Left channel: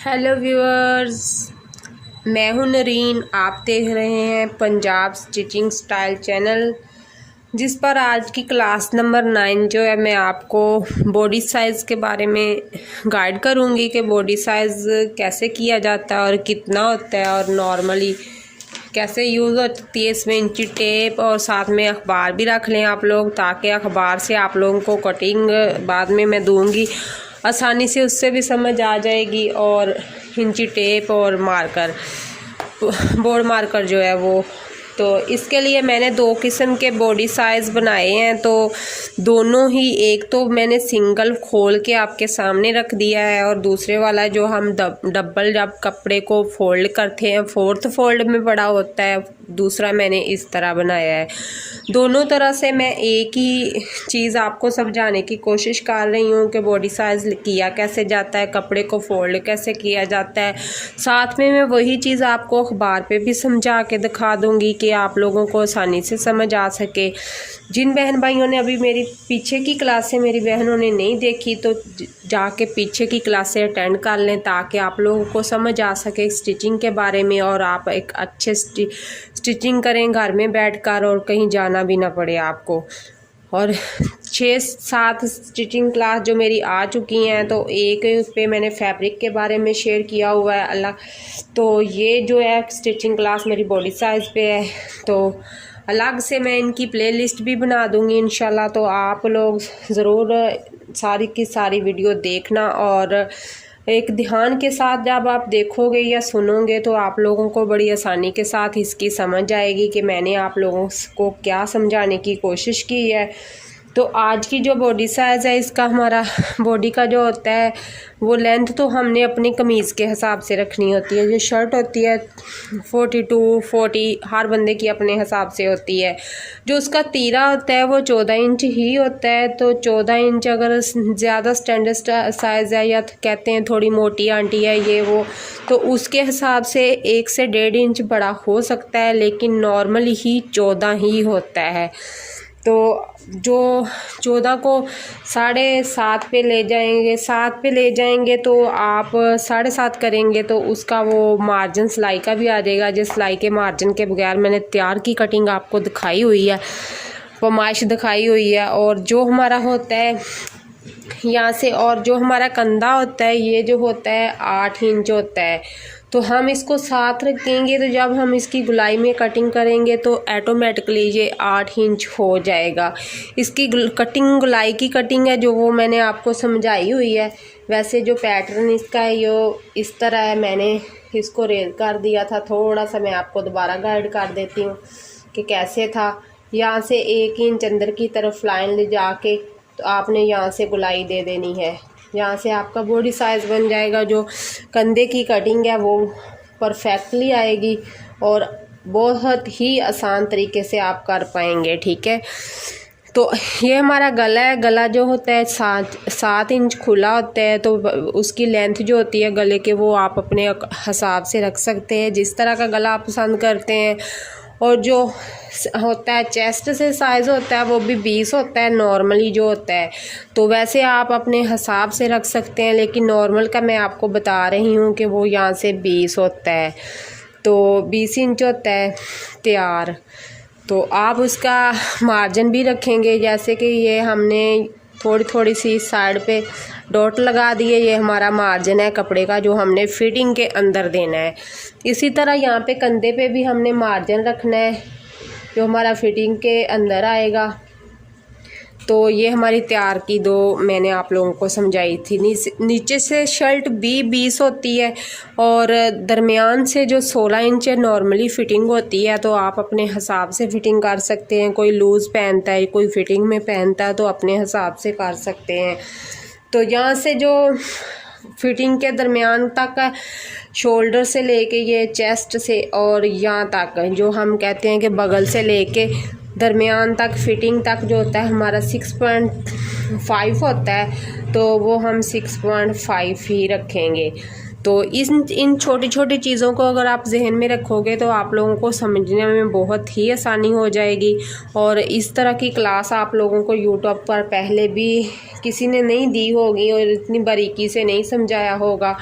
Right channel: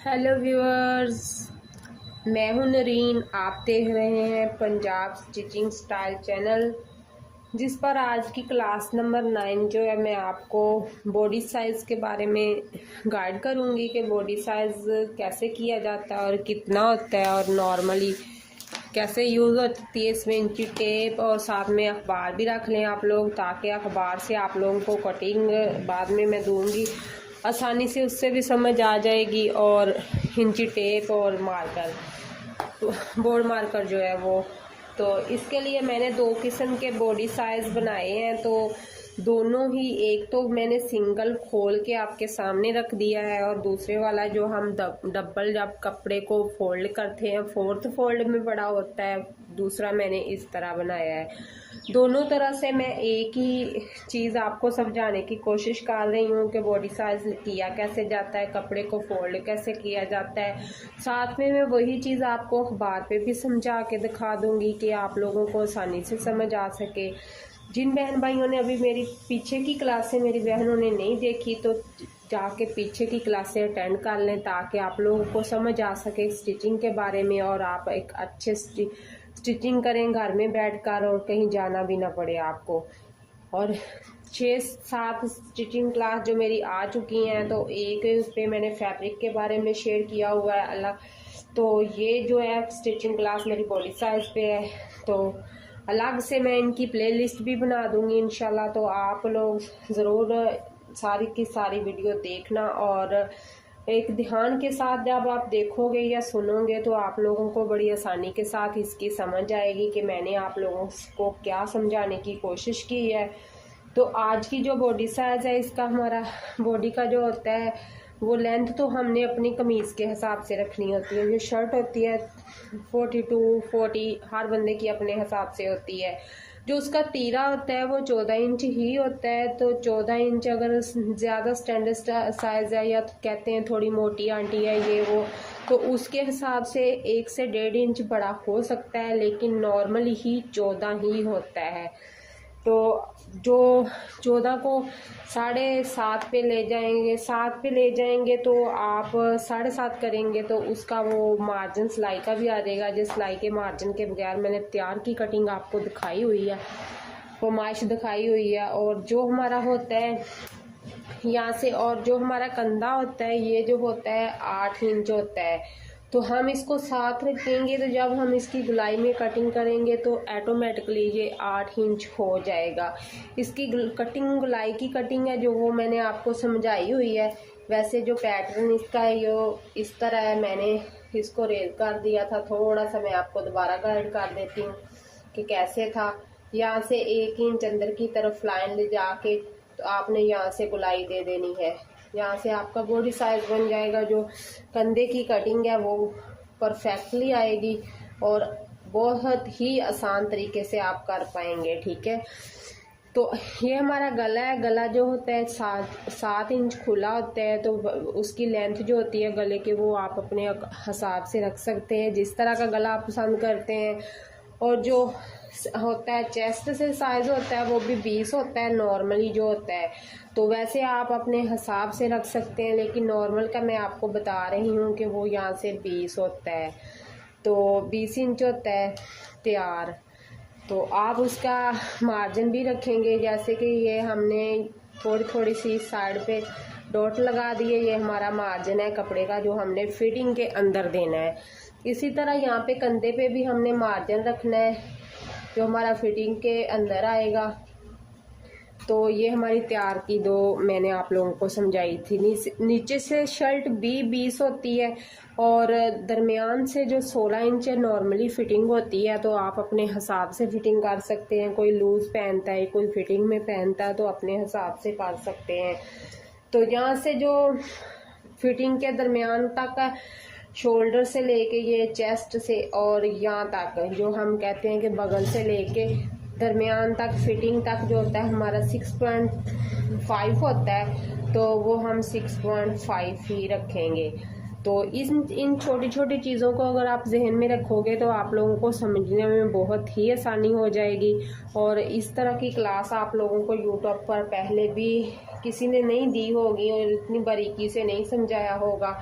Hello viewers, मैं हूं Narine. आप देख रहे हैं पंजाब स्टिचिंग स्टाइल चैनल, जिस पर आज की क्लास नंबर 9 जो है मैं आपको बॉडी साइज़ के बारे में गाइड करूंगी कि बॉडी साइज़ कैसे किया जाता है और कितना होता है और नॉर्मली कैसे यूज़ होती है। इसमें इंची टेप और साथ में अखबार भी रख लें आप लोग, ताकि अखबार से आप लोगों को कटिंग बाद में मैं दूंगी आसानी से उससे भी समझ आ जाएगी। और इंची टेप और मार्कर, बोर्ड मार्कर जो है वो, तो इसके लिए मैंने दो किस्म के बॉडी साइज़ बनाए हैं। तो दोनों ही, एक तो मैंने सिंगल खोल के आपके सामने रख दिया है और दूसरे वाला जो हम डबल जब कपड़े को फोल्ड करते हैं, फोर्थ फोल्ड में बड़ा होता है, दूसरा मैंने इस तरह बनाया है। दोनों तरह से मैं एक ही चीज़ आपको समझाने की कोशिश कर रही हूँ कि बॉडी साइज़ किया कैसे जाता है, कपड़े को फोल्ड कैसे किया जाता है। साथ में मैं वही चीज़ आपको अखबार पे भी समझा के दिखा दूँगी कि आप लोगों को आसानी से समझ आ सके। जिन बहन भाइयों ने अभी मेरी पीछे की क्लासें मेरी बहनों ने नहीं देखी, तो जाके पीछे की क्लासें अटेंड कर लें, ताकि आप लोगों को समझ आ सके स्टिचिंग के बारे में और आप एक अच्छे स्टिचिंग करें घर में बैठकर और कहीं जाना भी ना पड़े आपको। और 6-7 स्टिचिंग क्लास जो मेरी आ चुकी हैं, तो एक पे मैंने फैब्रिक के बारे में शेयर किया हुआ है अल्लाह। तो ये जो है स्टिचिंग क्लास मेरी बॉडी साइज़ पे है, तो अलग से मैं इनकी प्लेलिस्ट भी बना दूंगी इंशाल्लाह। तो आप लोग ज़रूर सारी की सारी वीडियो देखना, और एक ध्यान के साथ जब आप देखोगे या सुनोगे तो आप लोगों को बड़ी आसानी के साथ इसकी समझ आएगी कि मैंने आप लोगों को क्या समझाने की कोशिश की है। तो आज की जो बॉडी साइज़ है, इसका हमारा बॉडी का जो होता है वो लेंथ तो हमने अपनी कमीज़ के हिसाब से रखनी होती है। जो शर्ट होती है 42-40 हर बंदे की अपने हिसाब से होती है। जो उसका तीरा होता है वो 14 इंच ही होता है। तो 14 इंच अगर ज़्यादा स्टैंडर्ड साइज़ है, या कहते हैं थोड़ी मोटी आंटी है ये वो, तो उसके हिसाब से 1 से 1.5 इंच बड़ा हो सकता है, लेकिन नॉर्मली ही 14 ही होता है। तो जो 14 को 7.5 पे ले जाएंगे, 7 पे ले जाएंगे तो आप 7.5 करेंगे तो उसका वो मार्जिन सिलाई का भी आ जाएगा। जिस सिलाई के मार्जिन के बगैर मैंने तैयार की कटिंग आपको दिखाई हुई है, फरमाइश दिखाई हुई है। और जो हमारा होता है यहाँ से, और जो हमारा कंधा होता है ये जो होता है 8 इंच होता है। तो हम इसको साथ रखेंगे, तो जब हम इसकी गुलाई में कटिंग करेंगे तो ऑटोमेटिकली ये 8 इंच हो जाएगा। इसकी कटिंग, गुलाई की कटिंग है जो वो मैंने आपको समझाई हुई है। वैसे जो पैटर्न इसका है यो इस तरह है, मैंने इसको रेज कर दिया था थोड़ा सा, मैं आपको दोबारा गाइड कर देती हूँ कि कैसे था। यहाँ से 1 इंच अंदर की तरफ लाइन ले जाके तो आपने यहाँ से गुलाई दे देनी है। यहाँ से आपका बॉडी साइज़ बन जाएगा। जो कंधे की कटिंग है वो परफेक्टली आएगी और बहुत ही आसान तरीके से आप कर पाएंगे, ठीक है। तो ये हमारा गला है। गला जो होता है 7 इंच खुला होता है, तो उसकी लेंथ जो होती है गले के वो आप अपने हिसाब से रख सकते हैं, जिस तरह का गला आप पसंद करते हैं। और जो होता है चेस्ट से साइज़ होता है वो भी 20 होता है नॉर्मली जो होता है। तो वैसे आप अपने हिसाब से रख सकते हैं, लेकिन नॉर्मल का मैं आपको बता रही हूँ कि वो यहाँ से 20 होता है। तो 20 इंच होता है तैयार। तो आप उसका मार्जिन भी रखेंगे, जैसे कि ये हमने थोड़ी थोड़ी सी साइड पे डॉट लगा दिए, ये हमारा मार्जिन है कपड़े का जो हमने फिटिंग के अंदर देना है। इसी तरह यहाँ पे कंधे पे भी हमने मार्जिन रखना है जो हमारा फिटिंग के अंदर आएगा। तो ये हमारी तैयार की दो मैंने आप लोगों को समझाई थी। नीचे से शर्ट भी 20 होती है और दरमियान से जो 16 इंच नॉर्मली फ़िटिंग होती है। तो आप अपने हिसाब से फ़िटिंग कर सकते हैं। कोई लूज़ पहनता है, कोई फ़िटिंग में पहनता है, तो अपने हिसाब से कर सकते हैं। तो यहाँ से जो फिटिंग के दरमियान तक, शोल्डर से लेके ये चेस्ट से और यहाँ तक, जो हम कहते हैं कि बगल से लेके दरमियान तक फिटिंग तक जो होता है हमारा 6.5 होता है, तो वो हम 6.5 ही रखेंगे। तो इन छोटी छोटी चीज़ों को अगर आप जहन में रखोगे तो आप लोगों को समझने में बहुत ही आसानी हो जाएगी। और इस तरह की क्लास आप लोगों को यूट्यूब पर पहले भी किसी ने नहीं दी होगी और इतनी बारीकी से नहीं समझाया होगा।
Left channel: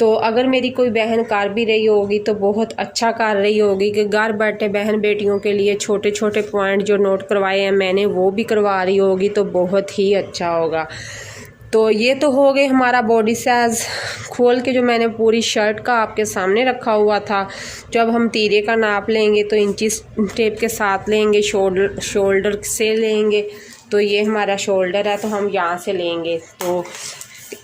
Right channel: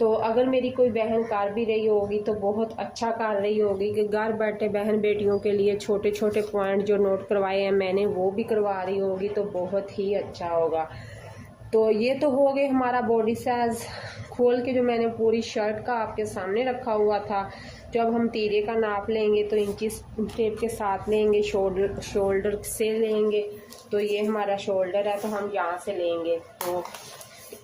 तो अगर मेरी कोई बहन कर भी रही होगी तो बहुत अच्छा कर रही होगी कि घर बैठे बहन बेटियों के लिए छोटे छोटे पॉइंट जो नोट करवाए हैं मैंने वो भी करवा रही होगी, तो बहुत ही अच्छा होगा। तो ये तो हो गए हमारा बॉडी साइज़ खोल के जो मैंने पूरी शर्ट का आपके सामने रखा हुआ था। जब हम तीरे का नाप लेंगे तो इंचिस टेप के साथ लेंगे, शोल्डर से लेंगे। तो ये हमारा शोल्डर है तो हम यहाँ से लेंगे। तो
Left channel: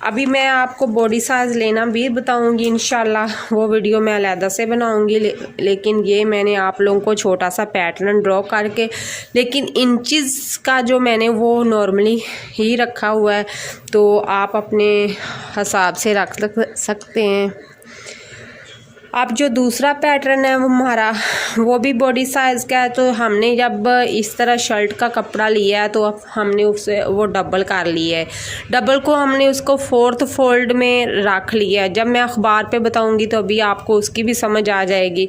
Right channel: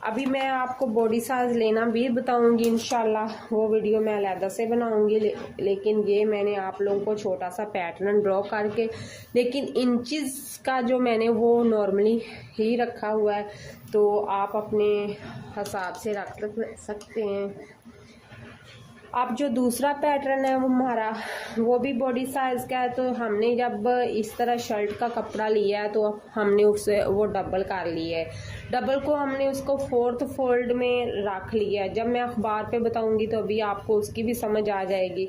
अभी मैं आपको बॉडी साइज़ लेना भी बताऊंगी इंशाल्लाह, वो वीडियो मैं अलहदा से बनाऊंगी। लेकिन ये मैंने आप लोगों को छोटा सा पैटर्न ड्रॉ करके, लेकिन इंचज़ का जो मैंने वो नॉर्मली ही रखा हुआ है, तो आप अपने हिसाब से रख सकते हैं। अब जो दूसरा पैटर्न है वो हमारा वो भी बॉडी साइज़ का है। तो हमने जब इस तरह शर्ट का कपड़ा लिया है तो अब हमने उसे वो डबल कर लिया है। डबल को हमने उसको 4th फोल्ड में रख लिया है। जब मैं अखबार पे बताऊंगी तो अभी आपको उसकी भी समझ आ जाएगी।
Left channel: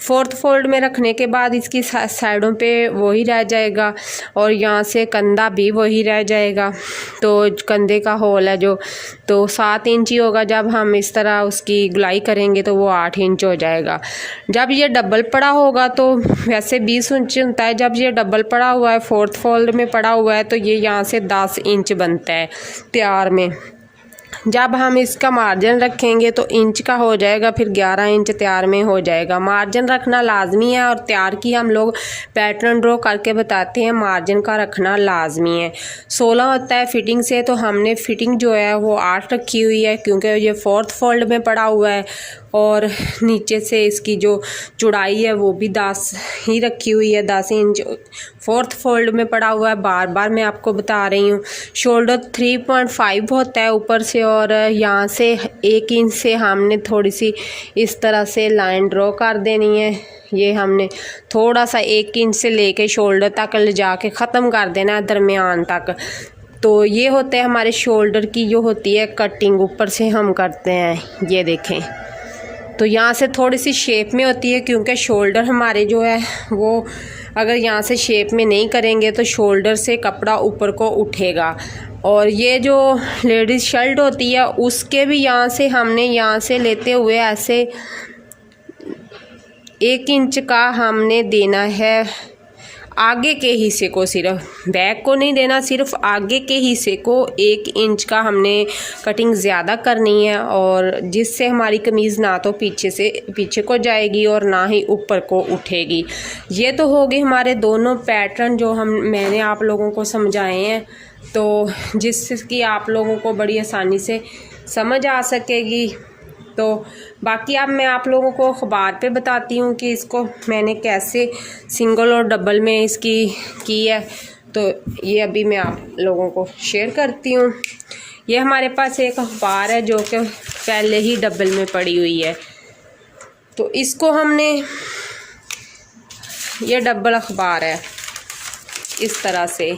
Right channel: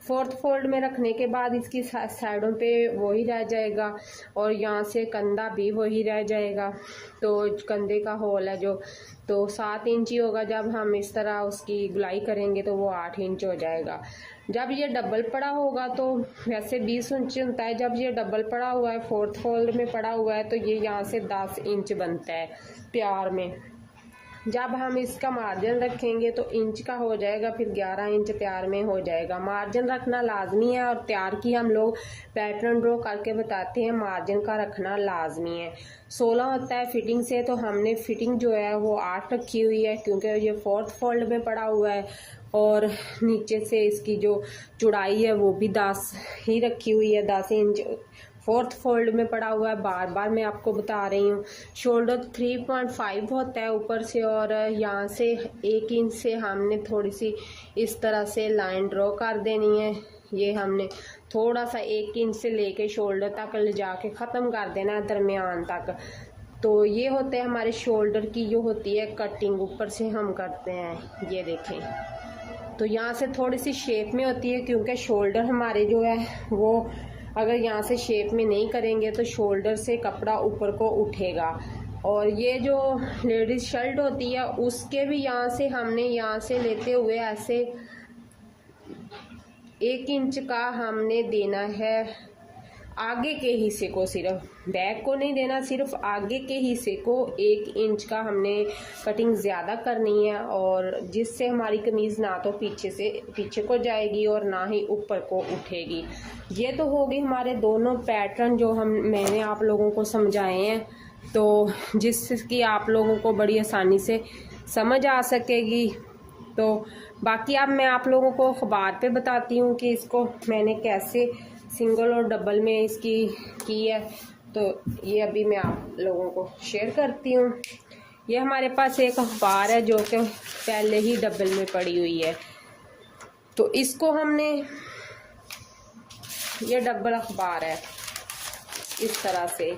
4th फोल्ड में रखने के बाद इसकी साइडों पे वही रह जाएगा और यहाँ से कंधा भी वही रह जाएगा। तो कंधे का होल है जो, तो 7 इंच ही होगा। जब हम इस तरह उसकी गुलाई करेंगे तो वो 8 इंच हो जाएगा। जब ये डबल पड़ा होगा तो वैसे 20 इंच होता है। जब ये डबल पड़ा हुआ है 4th फोल्ड में पड़ा हुआ है तो ये यहाँ से 10 इंच बनता है तैयार में। जब हम इसका मार्जिन रखेंगे तो इंच का हो जाएगा, फिर 11 इंच तैयार में हो जाएगा। मार्जिन रखना लाजमी है और तैयार की हम लोग पैटर्न ड्रॉ करके बताते हैं, मार्जिन का रखना लाजमी है। 16 होता है फिटिंग से, तो हमने फिटिंग जो है वो 8 रखी हुई है क्योंकि ये 4th फोल्ड में पड़ा हुआ है। और नीचे से इसकी जो चौड़ाई है वो भी 10 ही रखी हुई है, 10 इंच 4th फोल्ड में पड़ा हुआ है। बार बार मैं आपको बता रही हूँ। शोल्डर 3.5 होता है ऊपर से, और यहाँ से 1 इंच से हमने थोड़ी सी इस तरह से लाइन ड्रॉ कर देनी है। ये हमने थोड़ा सा 1 इंच से लेके शोल्डर तक ले जाके ख़त्म कर देना है दरमियान तक। तो ये होते हैं हमारे शोल्डर की जो होती है कटिंग, ऊपर से हम करते हैं। ये देखें, तो यहाँ से थोड़ी सी शेप में होती है क्योंकि शोल्डर हमारे जो है वो अगर यहाँ से शेप में नहीं करेंगे तो शोल्डर से कपड़ा ऊपर को उठेगा। और ये जो लेडीज़ शर्ट होती है उसके भी यहाँ से हमने यहाँ से लेते हुए ऐसे 1 इंच का हमने देना है आगे के हिस्से को, सिर्फ बैक को नहीं देना, सिर्फ आगे के हिस्से को 1 इंच का हमने कटिंग ज़्यादा करनी है। और जिससे हमारी कमीज़ ना तो पीछे को जाएगी और ना ही ऊपर को उठेगी। ये तो हो गए हमारे दोनों पैटर्न जो मैंने आप लोगों को समझाए हैं, तो जिसकी आप लोगों को बड़ी आसानी से समझ आ सकेगी। तो बाकी अब मैं आप लोगों को अखबार पे बताती हूँ कि इसको मैंने कैसे सिंगल और डबल में इसकी की है। तो ये अभी मैं आप लोगों को शेयर करती हूँ। ये हमारे पास एक अखबार है जो कि पहले ही डबल में पड़ी हुई है। तो इसको हमने, ये डबल अखबार है इस तरह से,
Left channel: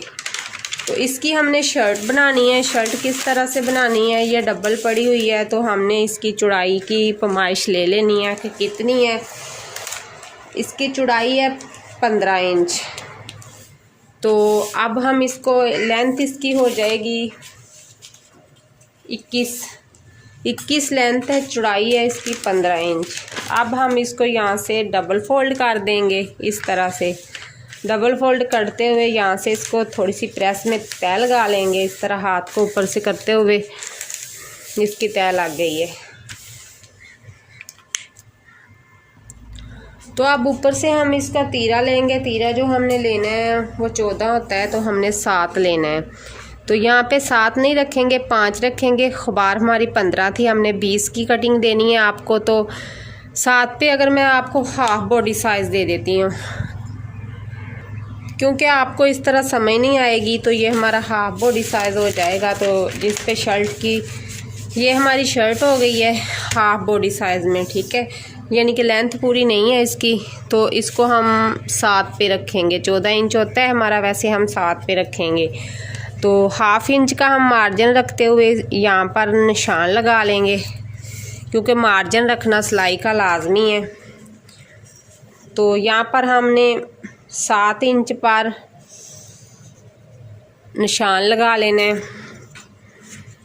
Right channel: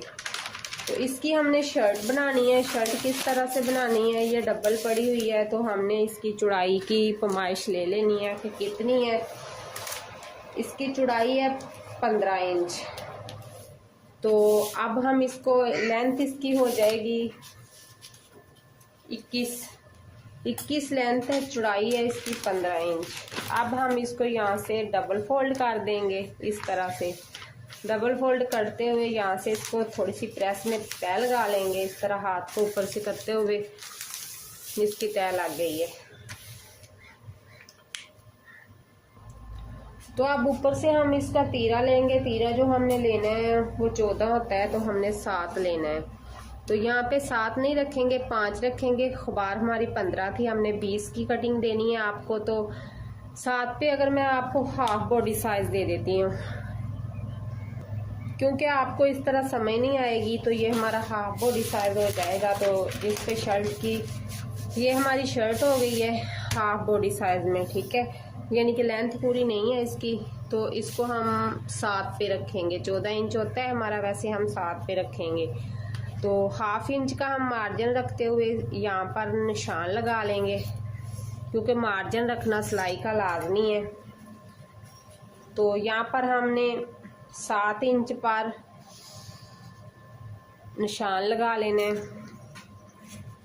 तो इसकी हमने शर्ट बनानी है। शर्ट किस तरह से बनानी है, ये डबल पड़ी हुई है तो हमने इसकी चौड़ाई की पैमाइश ले लेनी है कि कितनी है। इसकी चौड़ाई है 15 इंच। तो अब हम इसको लेंथ इसकी हो जाएगी 21 लेंथ है, चौड़ाई है इसकी 15 इंच। अब हम इसको यहाँ से डबल फोल्ड कर देंगे। इस तरह से डबल फोल्ड करते हुए यहाँ से इसको थोड़ी सी प्रेस में तय लगा लेंगे। इस तरह हाथ को ऊपर से करते हुए इसकी तय लग गई है। तो अब ऊपर से हम इसका तीरा लेंगे। तीरा जो हमने लेना है वो 14 होता है, तो हमने 7 लेना है। तो यहाँ पे 7 नहीं रखेंगे, 5 रखेंगे। अखबार हमारी 15 थी, हमने 20 की कटिंग देनी है आपको। तो 7 पे अगर मैं आपको हाफ बॉडी साइज़ दे देती हूँ क्योंकि आपको इस तरह समझ नहीं आएगी, तो ये हमारा हाफ बॉडी साइज़ हो जाएगा। तो जिस पे शर्ट की, ये हमारी शर्ट हो गई है हाफ बॉडी साइज़ में, ठीक है, यानी कि लेंथ पूरी नहीं है इसकी। तो इसको हम 7 पे रखेंगे। 14 इंच होता है हमारा, वैसे हम 7 पे रखेंगे। तो हाफ इंच का हम मार्जिन रखते हुए यहाँ पर निशान लगा लेंगे क्योंकि मार्जिन रखना सिलाई का लाजमी है। तो यहाँ पर हमने 7 इंच पर निशान लगा लेना है।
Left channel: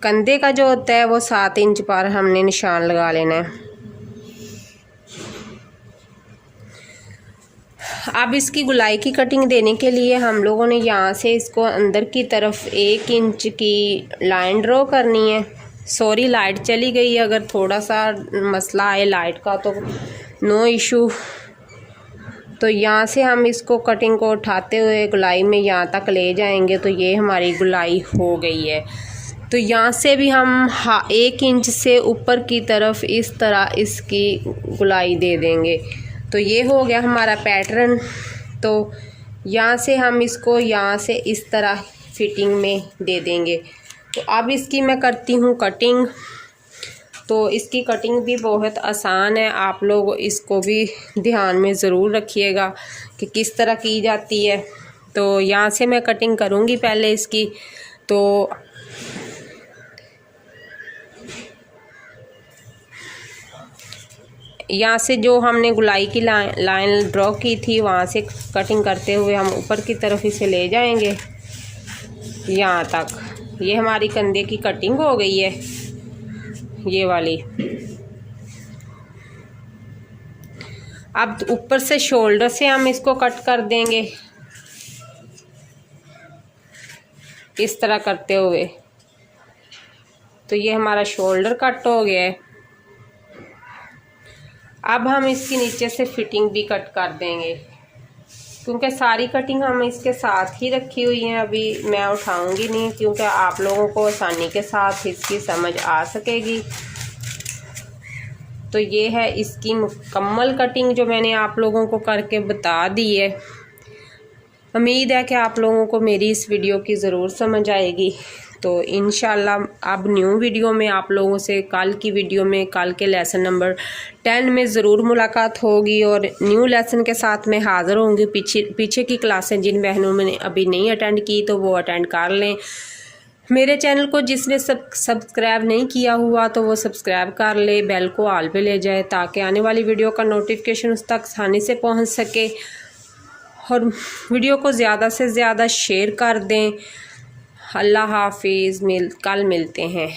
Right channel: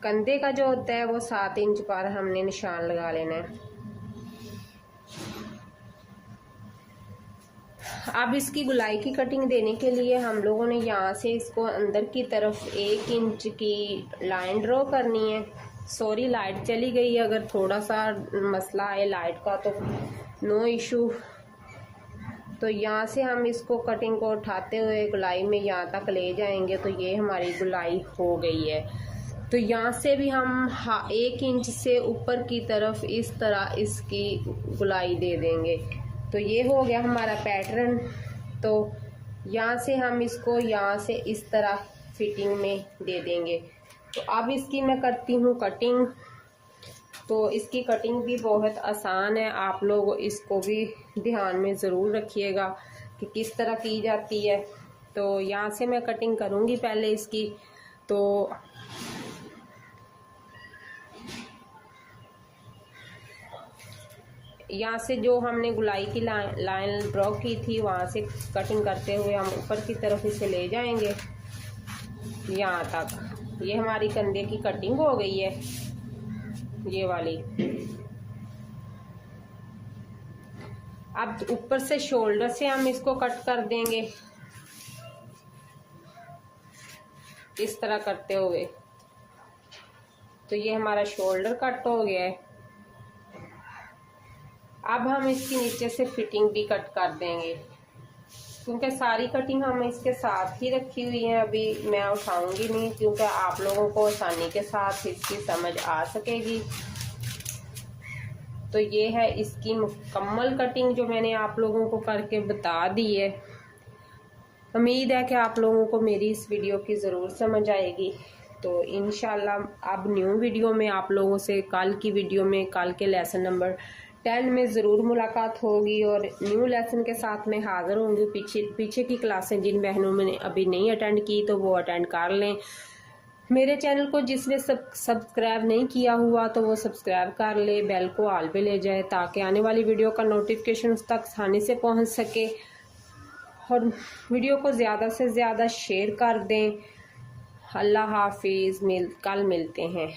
कंधे का जो होता है वो 7 इंच पर हमने निशान लगा लेना है। अब इसकी गुलाई की कटिंग देने के लिए हम लोगों ने यहाँ से इसको अंदर की तरफ 1 इंच की लाइन ड्रॉ करनी है। सॉरी लाइट चली गई है, अगर थोड़ा सा मसला आए लाइट का तो नो इशू। तो यहाँ से हम इसको कटिंग को उठाते हुए गुलाई में यहाँ तक ले जाएंगे तो ये हमारी गुलाई हो गई है। तो यहाँ से भी हम 1 इंच से ऊपर की तरफ इस तरह इसकी गुलाई दे देंगे। तो ये हो गया हमारा पैटर्न। तो यहाँ से हम इसको यहाँ से इस तरह फिटिंग में दे देंगे। तो अब इसकी मैं करती हूँ कटिंग। तो इसकी कटिंग भी बहुत आसान है, आप लोग इसको भी ध्यान में ज़रूर रखिएगा कि किस तरह की जाती है। तो यहाँ से मैं कटिंग करूँगी पहले इसकी। तो यहाँ से जो हमने गुलाई की लाइन ड्रॉ की थी वहाँ से कटिंग करते हुए हम ऊपर की तरफ इसे ले जाएंगे यहाँ तक। ये हमारी कंधे की कटिंग हो गई है, ये वाली। अब ऊपर से शोल्डर से हम इसको कट कर देंगे इस तरह करते हुए। तो ये हमारा शोल्डर कट हो गया है। अब हम इसकी नीचे से फिटिंग भी कट कर देंगे, क्योंकि सारी कटिंग हम इसके साथ ही रखी हुई है। अभी मैं उठाऊंगी नहीं, क्योंकि आप लोगों को आसानी के साथ इसकी समझ आ सकेगी। तो ये है इसकी मुकम्मल कटिंग जो मैंने आप लोगों को करके बता दी है। उम्मीद है कि आप लोगों को मेरी इस वीडियो की ज़रूर समझ आएगी। तो इंशाल्लाह अब न्यू वीडियो में आप लोगों से कल की वीडियो में, कल के लेसन नंबर 10 में ज़रूर मुलाकात होगी और न्यू लेसन के साथ मैं हाज़िर होंगी। पीछे की क्लासें जिन बहनों ने अभी नहीं अटेंड की तो वो अटेंड कर लें। मेरे चैनल को जिसने सब्सक्राइब नहीं किया हुआ तो वो सब्सक्राइब कर ले, बेल को ऑल पे ले जाए ताकि आने वाली वीडियो का नोटिफिकेशन उस तक आसानी से पहुंच सके। और वीडियो को ज़्यादा से ज़्यादा शेयर कर दें। अल्लाह हाफिज़, कल मिलते हैं।